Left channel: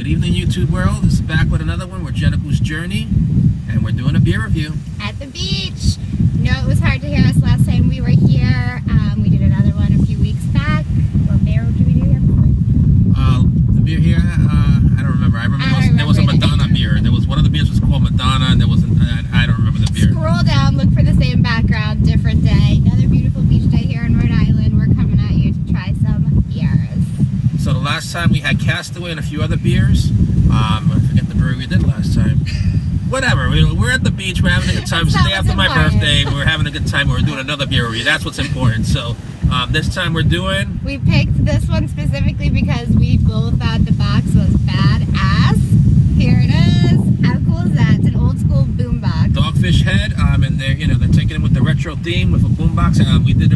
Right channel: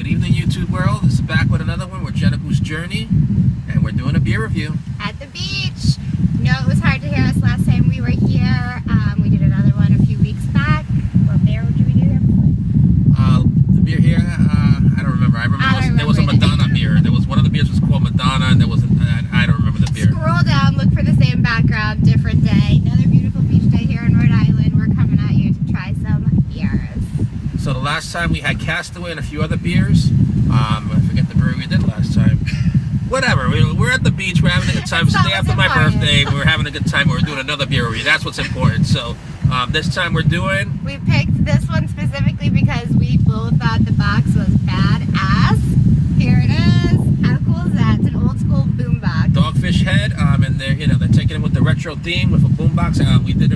Good evening, YouTube world. This is back with another one. We're Jenica's Journey, and we're doing a beer review. At the beach. No, it was hard to hear us last time we were here. We did another one a few weeks back. What beer did we do there before? The beer here, I don't remember. I remember there was a Madonna beer. There was one of the beers was called Madonna, and there was I don't remember the beer. Scroll down, look for the same background, different day. Another beautiful beach day here in Rhode Island. We're coming at you to try some beers. So the last time we had Castaway and a few other beers. I forget the brewery we did last time. Whatever, we're at the beach, we're having a good time. It's the day after my birthday, we're having a good time, we're doing another beer review. That's what's important. So this time we're doing... We picked this one specifically because we both thought the box was badass. Here it is. How cool is that? It's an old school boombox. Dogfish head, and they're taking it with the retro theme with a boombox.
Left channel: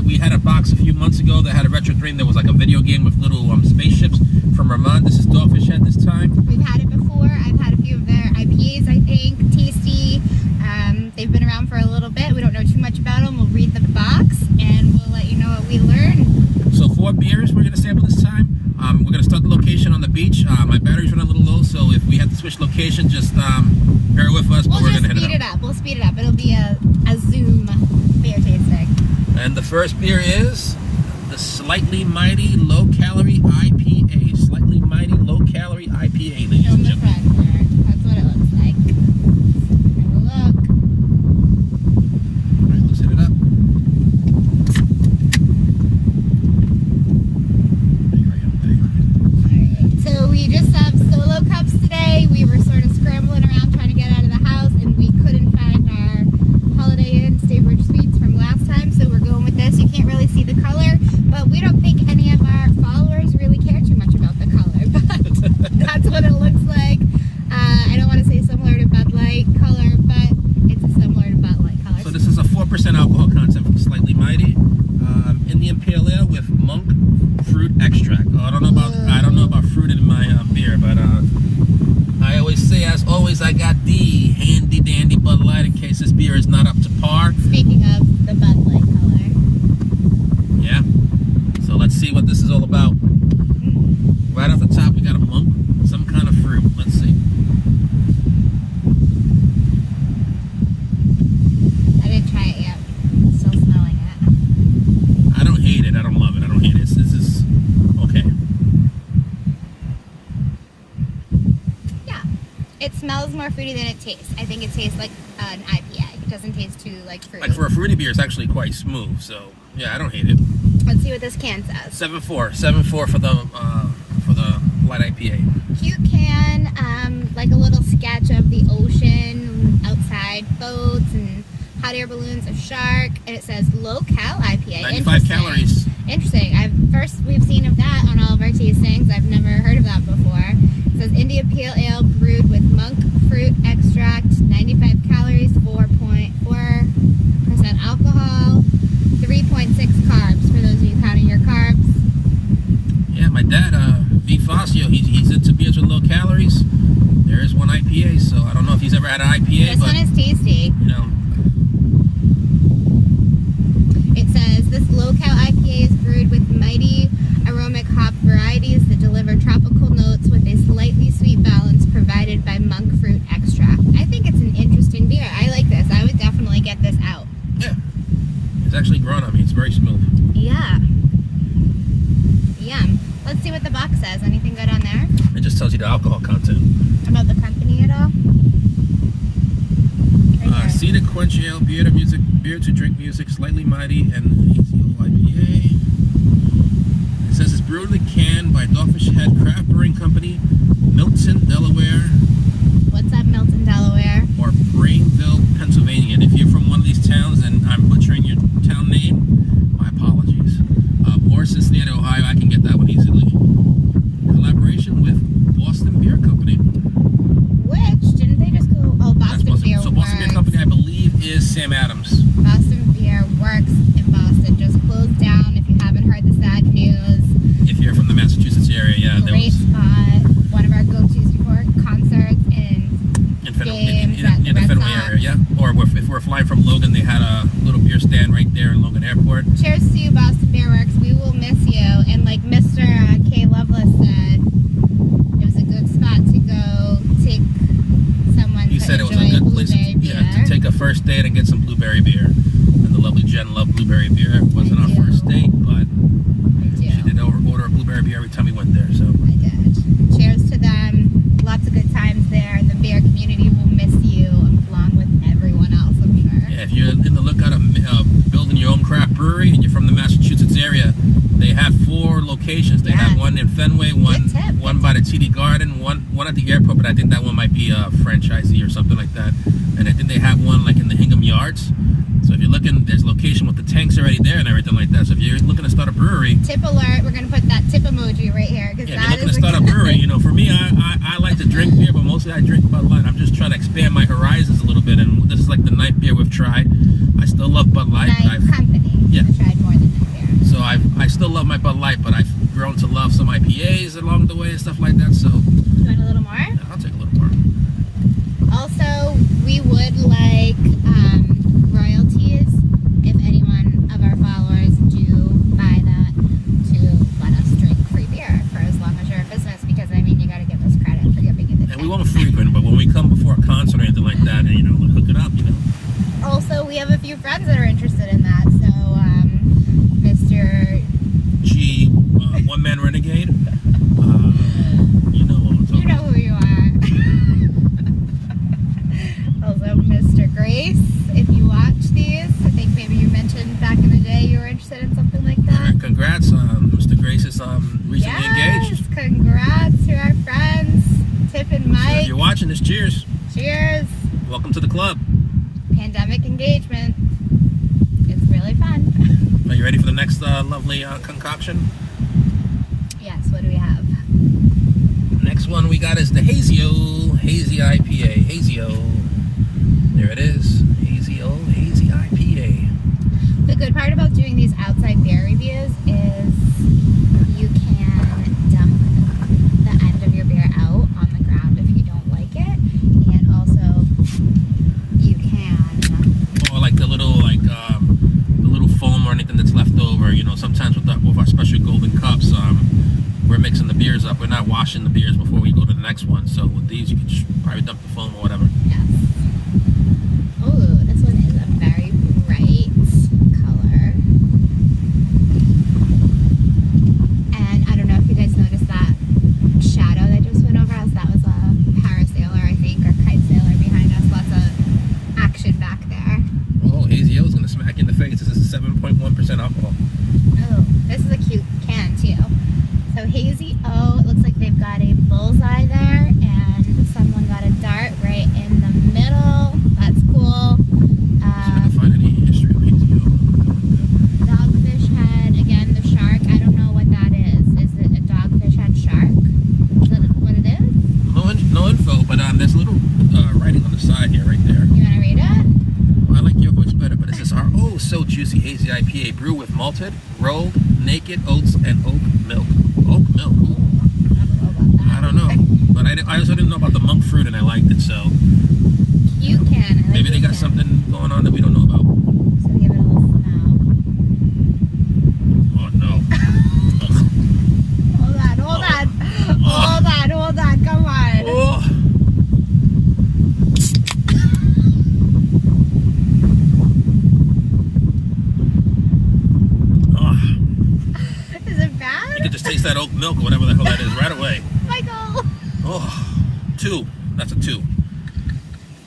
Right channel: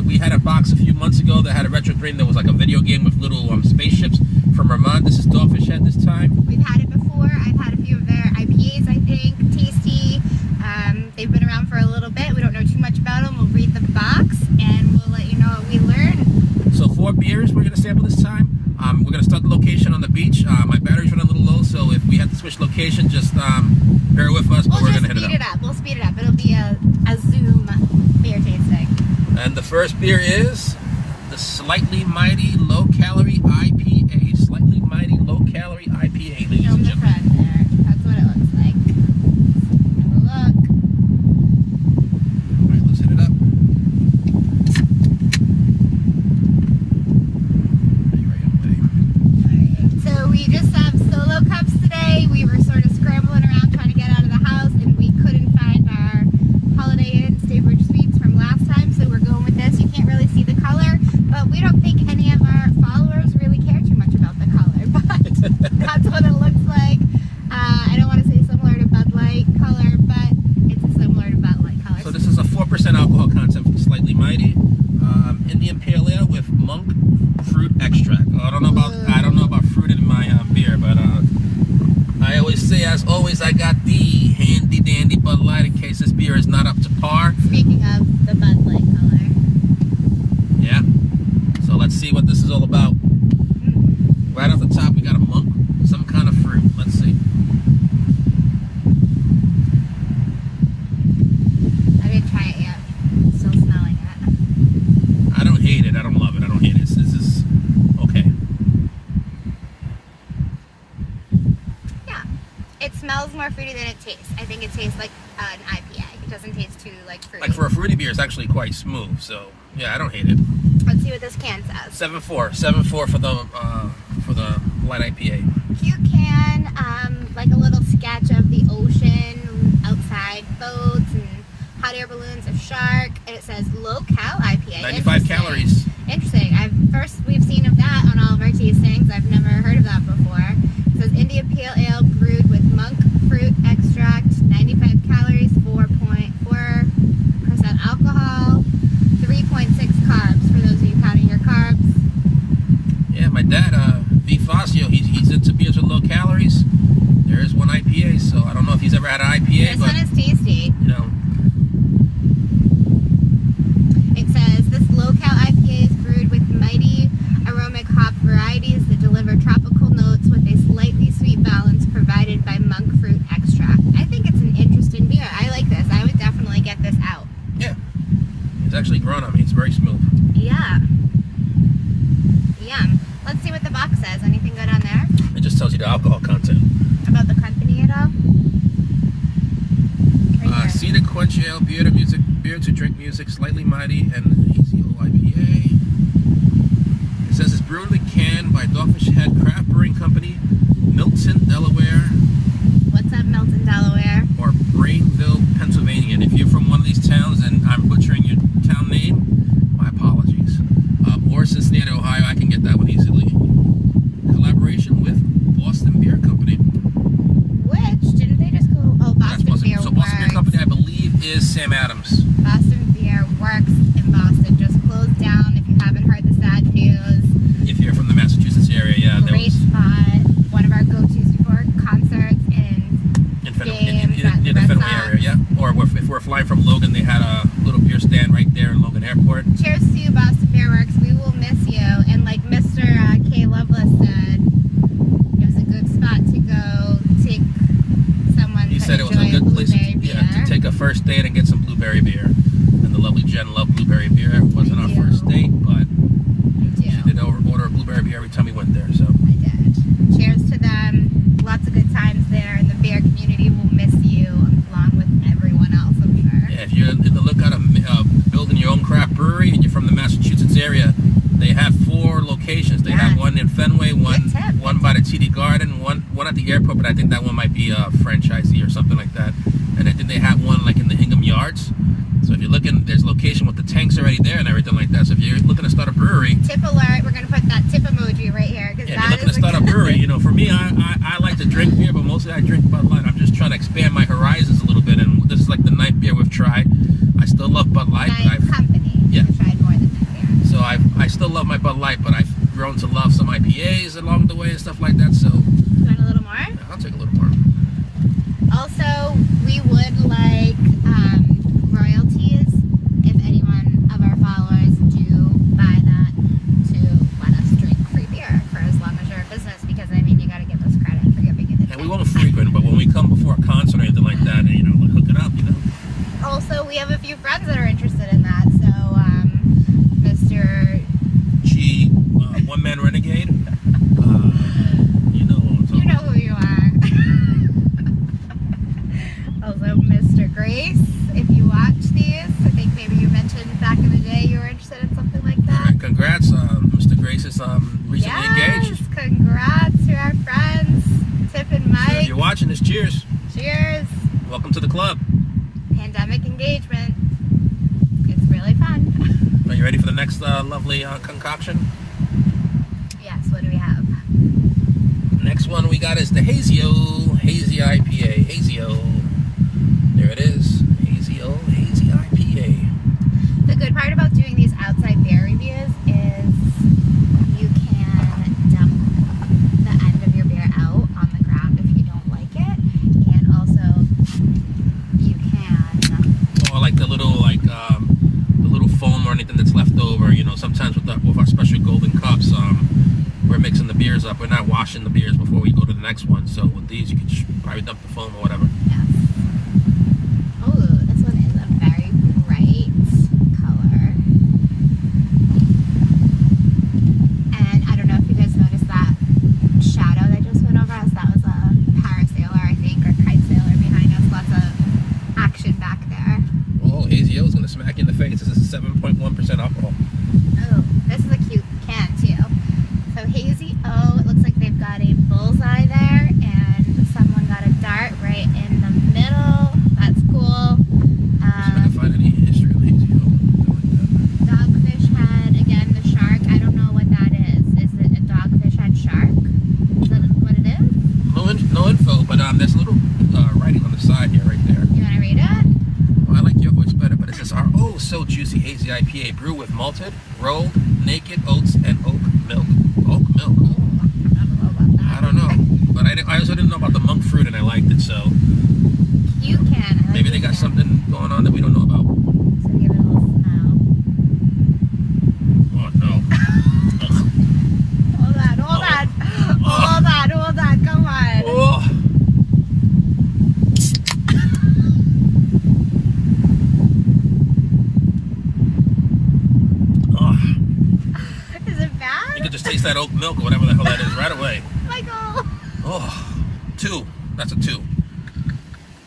We had a box a few months ago that had a retro theme. There was like a video game with little spaceships from Rhode. This is Dogfish head this time. We've had it before. I've had a few of their IPAs, I think. Tasty. They've been around for a little bit. We don't know too much about them. We'll read the box and we'll let you know what we learn. So 4 beers we're going to sample this time. We're going to start the location on the beach. My battery's running a little low, so if we have to switch location, just bear with us, but we're going to hit it up. We'll speed it up. It'll be a Zoom beer tasting. And the first beer is the Slightly Mighty Low Calorie IPA. Slightly Mighty Low Calorie IPA, ladies and gentlemen. That's what it looks like. Have a look. All right, let's hit it up. So we just have solo cups today. We were sort of scrambling around trying to get out of the house, and we couldn't find our Holiday Inn Staybridge Suites from last time, so we're going with this. You can't really see the color, but we don't think any of our followers really care too much about the color, but that's what it looks like. I don't want to say similar to Bud Light color, but it's similar to Bud Light color. So this is a 4% alcohol content from Slightly Mighty. Indian Pale Ale with monk fruit extract. I don't know about fruit in my beer, but I always say, as always, I got the handy dandy Bud Light in case this beer is not up to par. Speaking of the Bud Light color. Yeah. So let's see what this is all about. Right off the top, we got a monk, some kind of fruit. Let's see. I didn't try it yet. Still smelling it. I don't hate it. I don't love it. I don't hate it. This is okay. Yeah. It smells more fruity than it tastes. I think it tastes like an IPA. It doesn't taste too fruity. Like for a fruity beer, it's actually quite smooth. So yeah, I don't hate it. Let's see what this can says. 7.4 for the light IPA. Cute can, like a little sketch of the ocean, outside boats and hot air balloons, a shark, and it says low cal IPA. 95 calories. Interesting. We've seen of that on all of our tastings. I've never heard of that before. It says India Pale Ale brewed with monk fruit extract, 95 calories, 4.4% alcohol, 3.6 carbs for those of you counting your carbs. Yeah, my dad, V. Fazio, he's into beers with low calories. There is one IPA, so I don't know if he's ever had an IPA. This one is tasty. You know. It says this low-cal IPA is brewed with mighty aromatic hop varieties that deliver tropical notes with a slightly sweet balance provided by monk fruit extract. I think it's an interesting beer. I like this. I would definitely get this out. Yeah. It's actually grown on me. It's very smooth. Yeah. Yum. Let's see what the box says. Anything good on there? It just tells you the alcohol content. About the company at all? SeaQuench Ale, beer to drink music, Slightly Mighty, and Hazy-O IPA. It says it's brewed in a can by Dogfish Head Craft Brewing Company, Milton, Delaware. What's up, Milton, Delaware? Or Brainville, Pennsylvania. And if you're from one of these towns and I'm butchering your town name, my apologies. Or Cincinnati, Ohio, I can get that one easily. Collaboration with Boston Beer Company. Which, didn't they just go, oh, Boston Beer So Boston Beer Company, I believe, is Sam Adams. Boston Beer works in Boston, just closed down if you haven't heard the sad news. If you're from the Massachusetts area, yeah. Great spot. One of our go-tos before concerts in the Fenway area, yeah. Or if we're flying from Logan, they had a little beer stand right there in Logan Airport. Cheers to you, Boston Beer Works. We will miss you. And like Mr. K. Lovelace said, it was a good spot to first date and get some blueberry beer. And the lovely Jen loved blueberry beer. It wasn't our first date, but she did order a blueberry beer every time we went there. So I did. Cheers to them. Lots of good times there, and the beer community will miss you along with everyone else, I'm sure. Yeah, if you're in the lookout of building your own craft brewery and you're from the Massachusetts area, they have 4 locations. They have one in Fenway, one by the TD Garden, one at the airport, but I think that one might be a franchisee or something like that. And I think they have one like in the Hingham Yards. So if you're looking, there's location with the tanks already there and everything like that. So if you're looking to start a brewery, tip alert, we're going to put that tip emoji right here. Yeah, if you're looking to start a brewery, you know, for me, I like to drink beer, but mostly I drink Bud Light. I'm just trying to expand my horizons a little bit, and this is like the 9th beer we've tried. I still love Bud Light. Company. Yeah. I've tried more than beer. So I still love my Bud Light, but I've grown to love some IPAs along the way and stuff like that. So You want a little more? yeah, I'll take a little more. Also, we would like royalties if anyone of our followers do buy that to let us drink free beer for as long as you're in business, because I mean, you got to give us credit for giving it the And we won't frequent, but when we come before a concert or anything like that, you know, hook it up, you know. Also, we have a few friends that are interested in that, so Mr. G, One Man Renegade, you know what I'm talking You know who you are. Also, Mr. Grace, if you watch these, I think maybe you mentioned back in the day you were interested in something like that. All right, congrats, Mr. Grace is recently engaged. Congrats to our friends, Tip and Mike. So if you're watching this, cheers. Cheers. Welcome to the club. Pandemic engagement. It's really fun. Are you ready for the next lovely concoction? Yes, what do we have? Next one we got is the Hazy-O Hazy IPA. Hazy-O. There it is. Hazy-O Hazy IPA. The good part about doing these outside beer reviews is you can dump the end of your beer out on the ground if you don't like it, and also you can. Or like the little foam or anything that's left over. You know, sometimes with our special golden cups, we're mixing the beers up. We're not washing the beers before we go to the next one. So with these, you can probably dump the foam or whatever. Yes. Oh, this one is a very bright color. And I don't know if you guys noticed that shadow that just went over us. That was a parasailer, I think, or kite sailor behind us. Lots of action back there. Oh, Hazy-O is going to smack you in the face. This is 7.1% alcohol. Oh, this is a cute can, too. So Hazy-O, it looks like they've got a bullseye there, and someone got a dart right in the middle. That's cool. See if I can find any history on Hazy-O. Dogfish head, again, the shark. I don't know what that is. Is it a dogfish head shark? Is that what it is? No info, but there's a little writing on the side here, right there. You want to read it? Well, I like your voice better, but it says our oooh-so-juicy Hazy IPA brew with malted, rolled, naked oats, and oat milk. Oat milk? Ooh. I don't know about that. I don't know. But I also didn't know about the monk fruit, and I liked it, so Cute can. I like maybe they this got can. something going on that we don't know about. So give it a little smell. Oh, no. Hold on. Hold on. Come on. Oh. Is it bad? You can just taste that oat milk or whatever the hell that is right away. Michael. Oh, 2. That's a 2.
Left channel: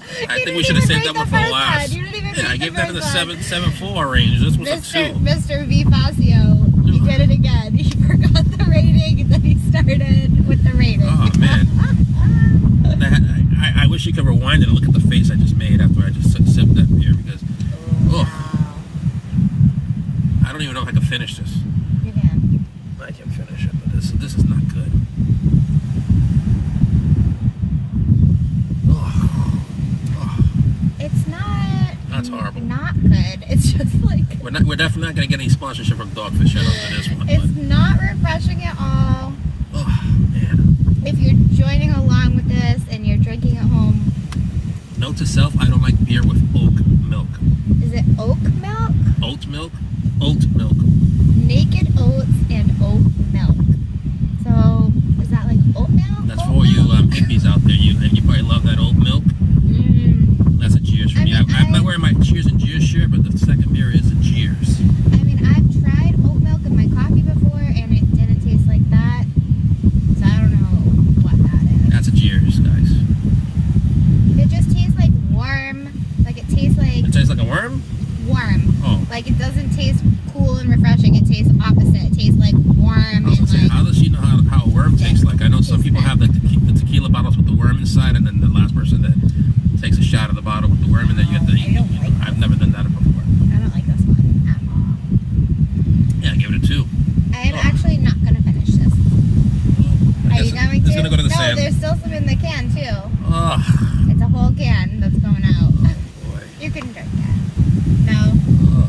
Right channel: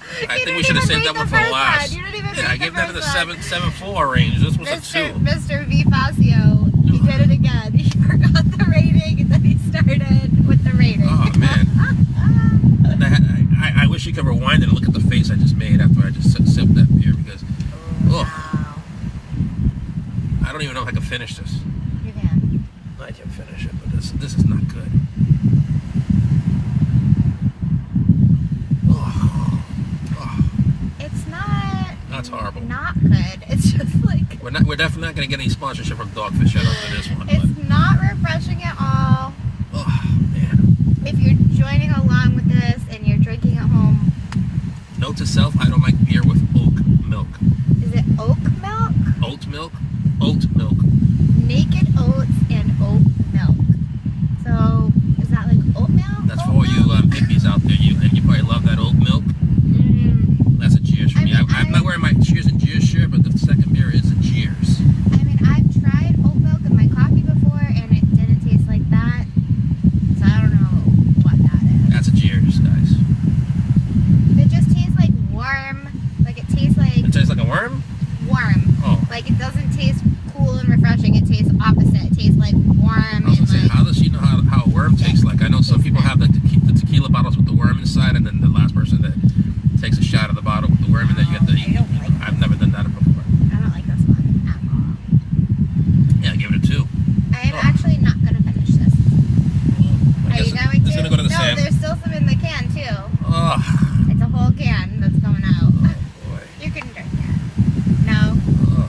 I think didn't we should have even saved that rate one the for first last. one. You didn't even Yeah, rate I gave the that in the first 7.4 range. This was a 2. Mr. V. Facio, he did it again. He forgot the rating, and then he started with the rating. Oh, man. I wish you could rewind it and look at the face I just made after I just sipped that beer, because Wow. I don't even know if I can finish this. You can. I can finish it, but this is not good. It's not. That's horrible. Not good. It's just like. We're definitely not going to get any sponsorship from Dogfish yet after this one. It's But, not refreshing at all. oh, man. If you're joining along with this and you're drinking at home, Note to self, I don't like beer with oat milk. is it oat milk? Oat milk? Oat milk. Naked oats and oat milk. So, is that like oat milk? That's Oat for you milk? hippies out there. You probably love that oat milk. Mm. That's a cheers for me. I'm not wearing Like, it doesn't taste cool and refreshing. It tastes opposite. It tastes like warm. I was gonna say, like, how does she know how a worm tastes like? I know some people have like the tequila bottles with the worm inside, and then the last person that takes a shot of the bottle with the worm in there, you get the. I've never done that before. I don't like this one at all. Yeah, give it a 2. I'm actually not going to finish this. Are you going to? It's gonna go to the no, sand. there's still some in the can, too. Oh, It's a whole can that's going out. boy. You can drink that. No? Oh.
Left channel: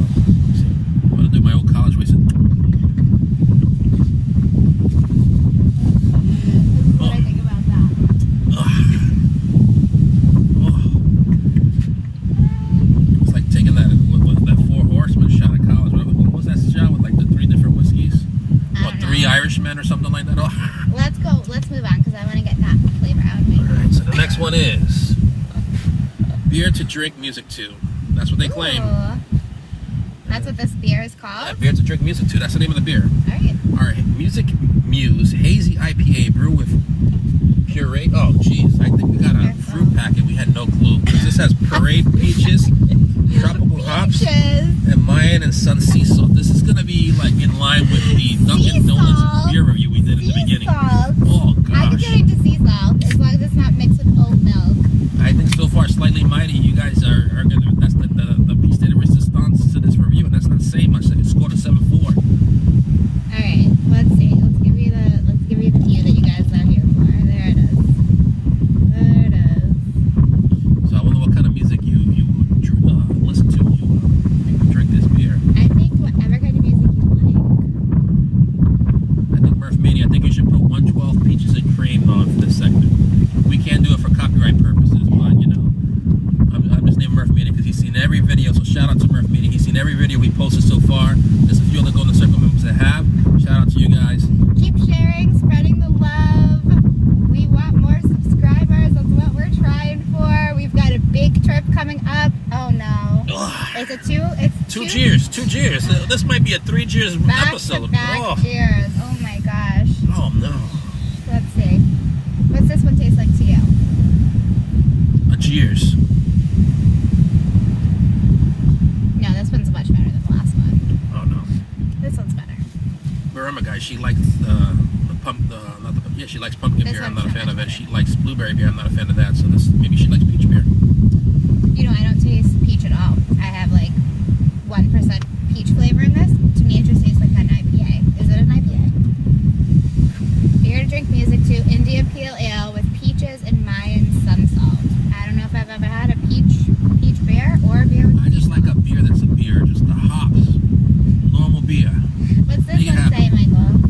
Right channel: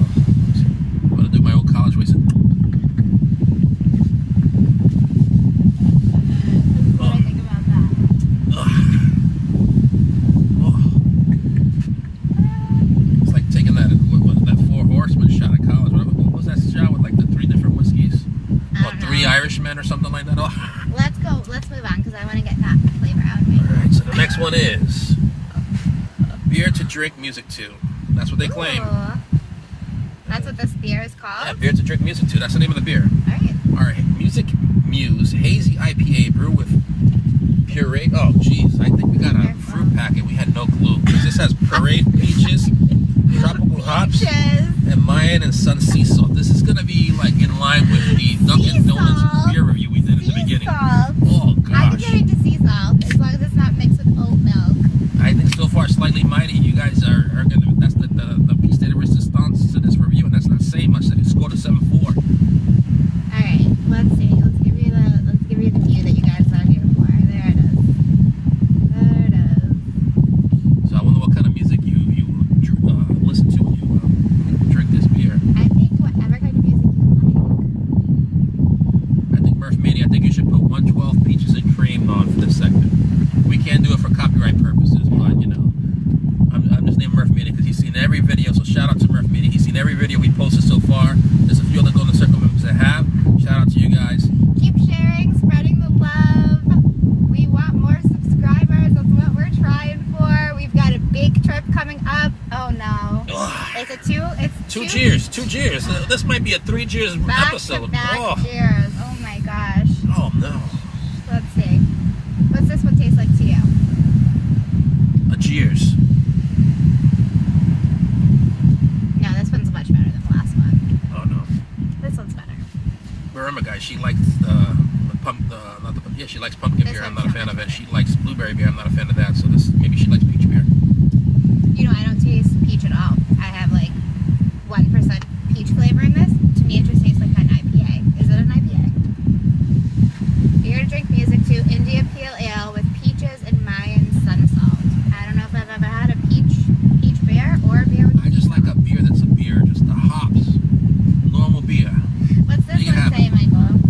I'm gonna do my old college ways. This is what I think about that. It's like taking that 4 Horsemen shot at college. What was that shot with like the 3 different whiskeys? Or 3 Irishmen or something like that? Oh. Let's go. Let's move on because I want to get that flavor out of me. Alright, so the next one is beer to drink, music to. That's what they claim. Ooh. That's what this beer is called? Yeah, beer to drink, music to. That's the name of the beer. Alright. Alright, Music Muse Hazy IPA brew with puree. Oh, jeez. I think we got a fruit packet. We had no clue. Because this has pureed peaches, tropical hops, and Mayan and Sun sea salt. This is going to be like in line with the Dunkin' Donuts beer review we did in the beginning. Salt. Oh, I gosh. can get into sea salt as long as it's not mixed with oat milk. I think so far slightly mighty. You guys are going to, that's the piece de resistance to this review, and that's not saying much. It scored a 7.4. Alright, let's see. Let's give you the key that you guys are here for. There it is. There it is. So I wonder what kind of music you listen to when you drink this beer. I think whatever kind of music you like. I think Murph Mania, I think you should put 112 Peaches and Cream on for this segment. We can't do it for copyright purposes, but you know, I'm just naming Murph Mania because he's seen every video. So shout out to Murph Mania. He's seen every video we posted so far. There's a few other Golden Circle members that have. Shout out to you guys. Keep sharing, spreading the love. We want more subscribers. That's what we're trying for. We've got a big trip coming up. Oh no. Ugh. It's a two. It's Two cheers. This might be a 3 cheers episode. Back cheers. Oh my gosh. Oh no. Let's see. What's this one taste like to you? A cheers. No, this one's much better than the last one. Oh no. This one's better. Burma guy, she likes she likes pumpkin This beer. I'm one's not a not fan of it. She likes blueberry beer. I'm not a fan of that. So maybe she likes peach beer. You know, I don't taste peach at all. I have like 1% peach flavor in this. To me, it just tastes like an IPA. Is it an IPA? Here to drink music to India Pale Ale with peaches and Mayan sun salt. I don't know if I've ever had a peach beer or a beer with. I just like a beer that's a beer, just the hops, normal beer. What's this You can one have say, Michael?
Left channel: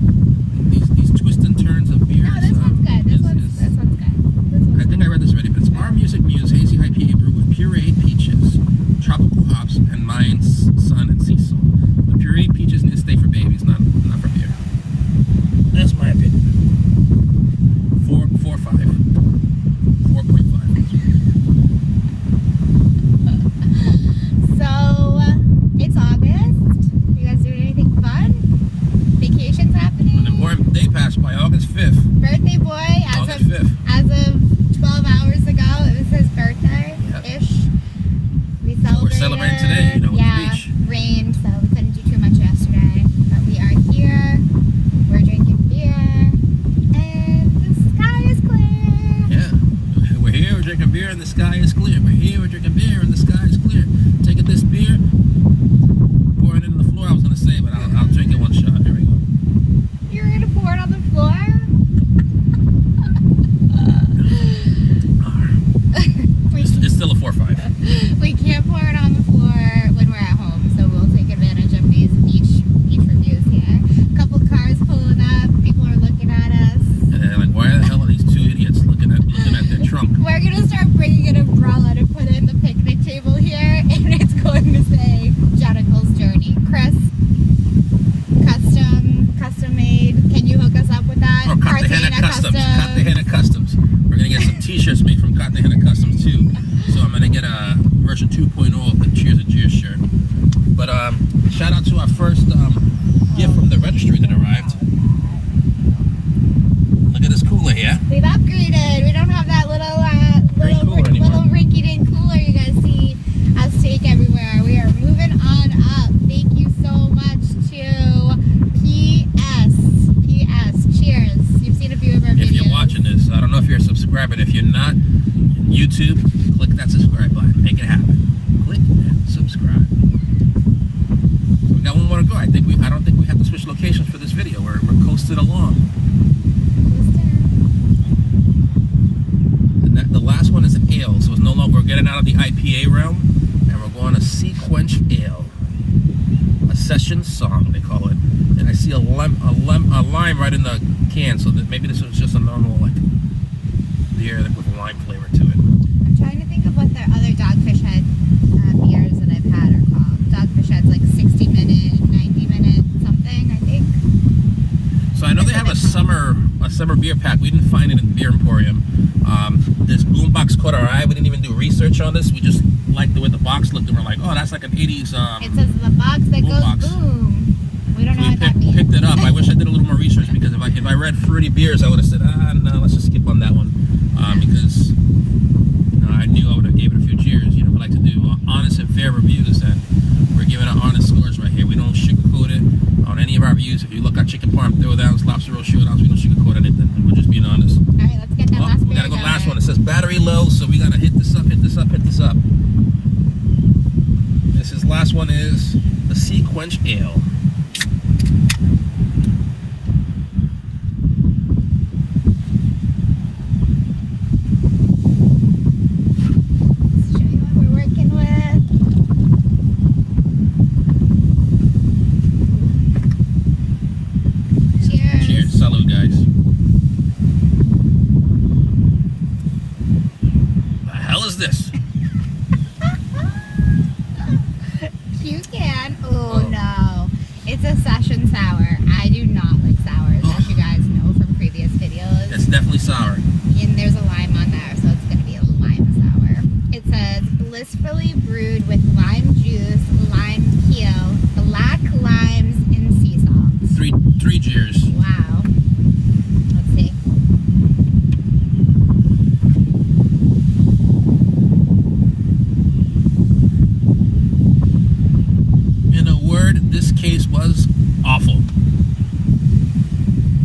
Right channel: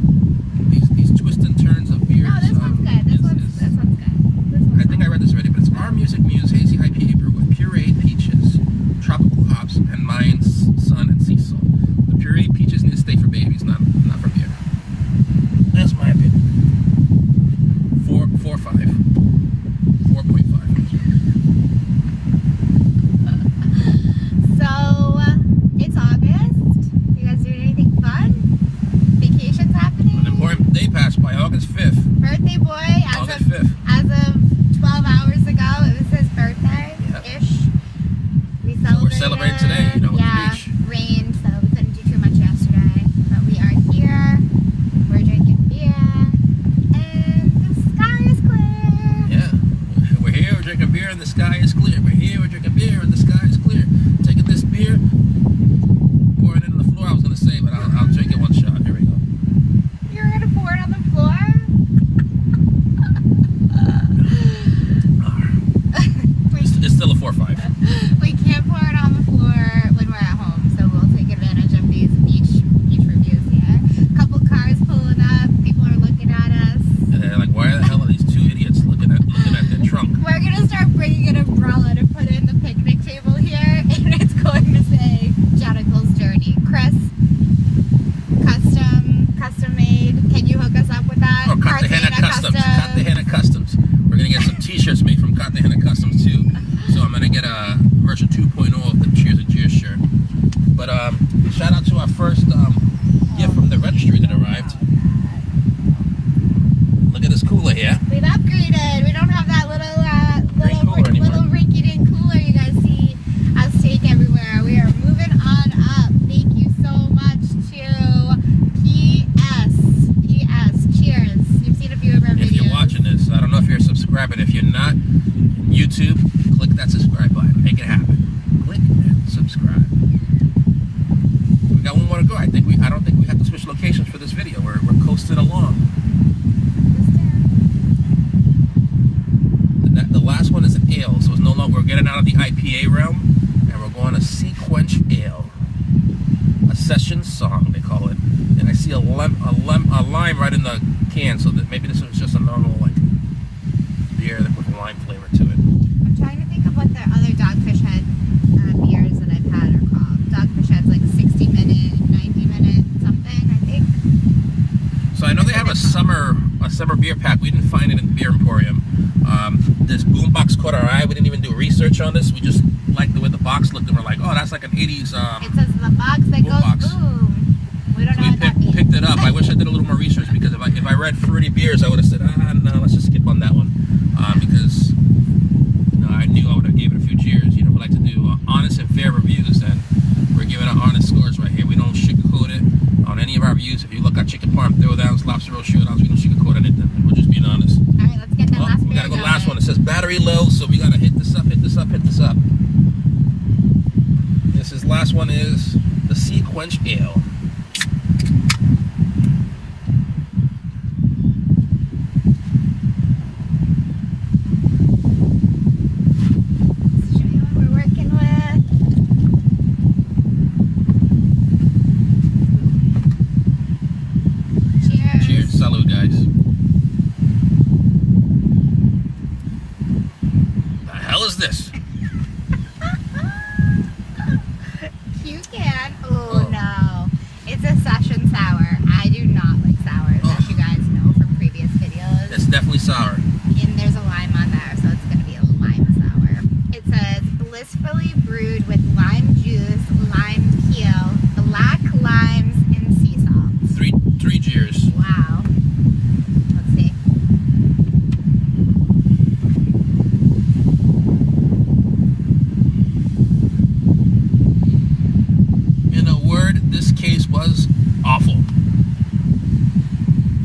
these twists and turns of beers. No, this one's good. This one's good. This one's I think I read this already, but it's Our Music Muse Hazy IPA brew with pureed peaches, tropical hops, and Mayan sun and sea salt. The pureed peaches need to stay for babies, not for beer. That's my opinion. 4.5. 4.5. So, it's August. You guys doing anything fun? Vacations happening? An important day passed by, August 5th. Birthday boy, August 5th. as of 12 hours ago, it was his birthday-ish. We celebrated. So we're celebrating today, you know, with the beach. Rained, so we couldn't do too much yesterday. But we are here, we're drinking beer, and the sky is clear. Yeah. We're here, we're drinking beer, and the sky is clear. We're here, we're drinking beer, and the sky is clear. Taking this beer, pouring it on the floor, I was going to say, but I'll drink it one shot. Here we go. You're going to pour it on the floor? It's still a 4.5. We can't pour it on the floor when we're at home, so we'll take advantage of these beach reviews here. A couple cars pulling up, people are looking at us. And they're like, why the hell are these two idiots looking at their trunk? We're gonna start bringing an umbrella to put in the picnic table here, and it's going to say Jennical's Journey. Chris, custom made. Can you hook us up with that? Oh, Cartagena Customs. Cartagena Customs. We're gonna get some t-shirts made from Cartagena Customs too. So I'm gonna get a version 2.0 of the Cheers and Cheers shirt. But shout out to our first gift from the registry that arrived. Look at this cooler here. We've upgraded. We don't have that little rinky-dink cooler you guys see us take everywhere. We are moving on up. subscribe. And if you're not on YouTube, click that subscribe button. Make it happen. Click and subscribe. We got one more to go. I don't think we have to switch locations for this video. We're coasting along. The last one is an ale, so it's no longer, we're getting out of the IPA realm, and we're going to SeaQuench ale. A session song, they call it. And I see a lime right in the can, so that maybe this was just a normal like beer with a lime flavor to it. I'm trying to think of what the other Dogfish Head beers that I've had are called. Dogfish Head's like 60-minute, 90-minute something, I think. So I know they have a summer beer pack. We didn't find it in the Beer Emporium. This boombox caught our eye. We didn't even do research on this. We just liked the way the box looked, and we're like, oh, that's like an 80s. It says the box that goes boom. We don't know what that means. Picked it up. I wish I did a little more research, because if I read fruity beers, I would have said, no, let's just skip on that one, because I knew I would have gave it a few cheers. We like to do honest and fair reviews, and we're giving out honest scores right here. We don't sugarcoat it on any of our reviews. If you look at chicken parm throwdowns, lobster roll showdowns, we don't sugarcoat anything. We're just being honest. All right, let's get that last beer. We gotta go last one. It says battery low, so we gotta hit this up, hit this up, hit this up. This last one is the SeaQuench ale. Salud, guys. The hell is this? Cute can. Oh no. It's a session sour. I do not like sours, as you guys know from previous videos. It's definitely sour. And there's a lime on there, so it's going to be a lime sour. It says, blissfully brewed with lime juice, lime peel, black limes, and sea salt. Three cheers. Wow. Let's see. In a word, this case was awful.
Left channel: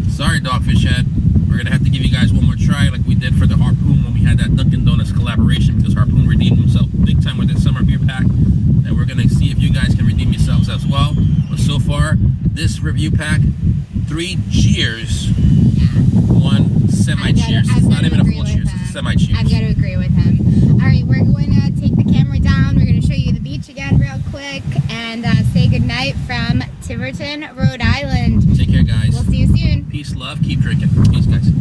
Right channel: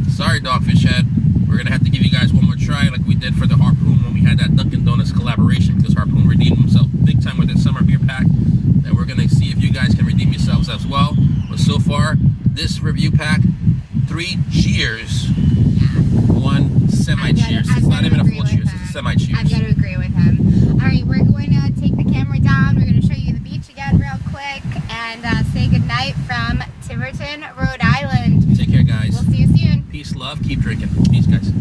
Sorry, Dogfish Head. We're going to have to give you guys one more try like we did for the Harpoon when we had that Dunkin' Donuts collaboration, because Harpoon redeemed himself big time with that summer beer pack. And we're going to see if you guys can redeem yourselves as well. But so far, this review pack, 3 cheers, 1 semi-cheers. It's not even a full cheers, it's a semi-cheers. I've got to agree with him. All right, we're going to take the camera down. We're going to show you the beach again real quick and say goodnight from Tiverton, Rhode Island. Take care, guys. We'll see you soon. Peace, love, keep drinking. Peace, guys.